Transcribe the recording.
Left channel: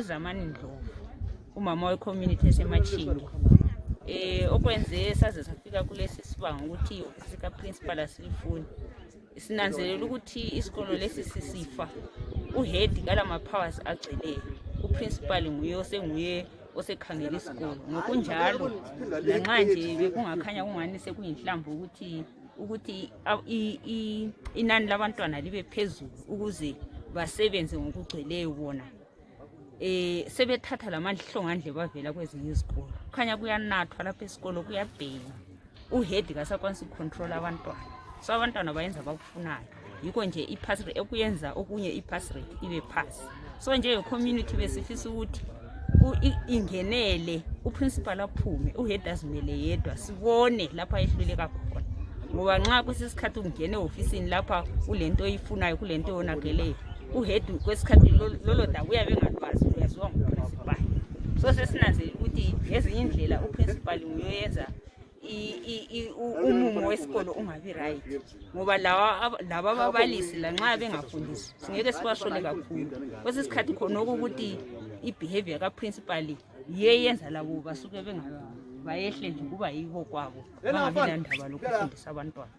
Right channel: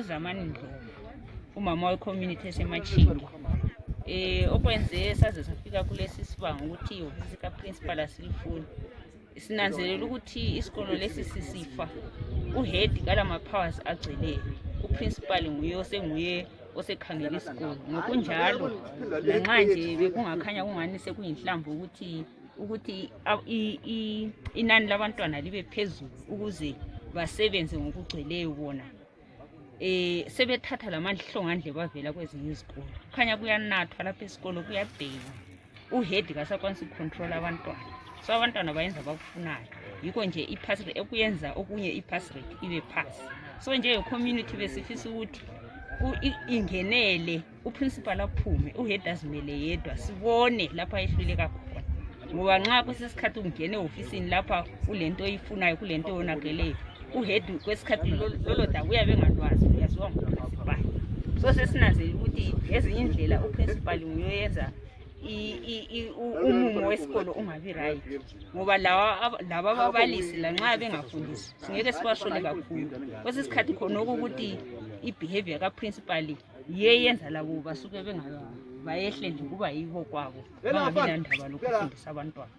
Uzamani Ndlovu umama we-community eseMachinga okwenze saze safika kulesi sibanga ukuthi ihhovisi kaprincipal asilifuni. Sinanzelela ukuthi isikolo lesi sisifa uhead kalama powers agcweleyo, uprincipal nguye osekhangela isikolo. Ngokunjalo lanxa nje bekungakhanya kungani sekuyinhlamvu ukuthi inani labantwana libe phezulu ukuze basebenze ngokugcweleyo bona. Sebethatha lamandla bavela kwezinye izikolo. Kukhanya kuyanathwa lapha esikolo, kuyabhekwa. Uhead kasakwanisa ukucontrol abantwana. So abantwana bayenza abakufunayo. Yikho nje ipass rate okuyenza okunye ipass rate ibe pass. So nje community besifisa ukuthi ingenele uprincipal aphume, uhead azimele yedwa sibone lapha ehluleka khona. Ngoba nxa kusesikhathi ungene ofisini lapha kulento oyifunayo kulento eyonakeleyo, uhead kwesikhathi lolo daba uyabe engalwazi uyaziwa nguprincipal. So sesinanzelela ukuthi ezinye indlela uprincipal uyoyenza umumo wesikolo ungabi right, ngoba laba ababalisi lanxa bengafundisi singeke sibasole kakhulu. Kwesikhathi khona ukuthi ibehavior kaprincipal yeyenza labo basuke bayehle nje kuba yibo kwabo bangabi landaba lokufundisa abantwana.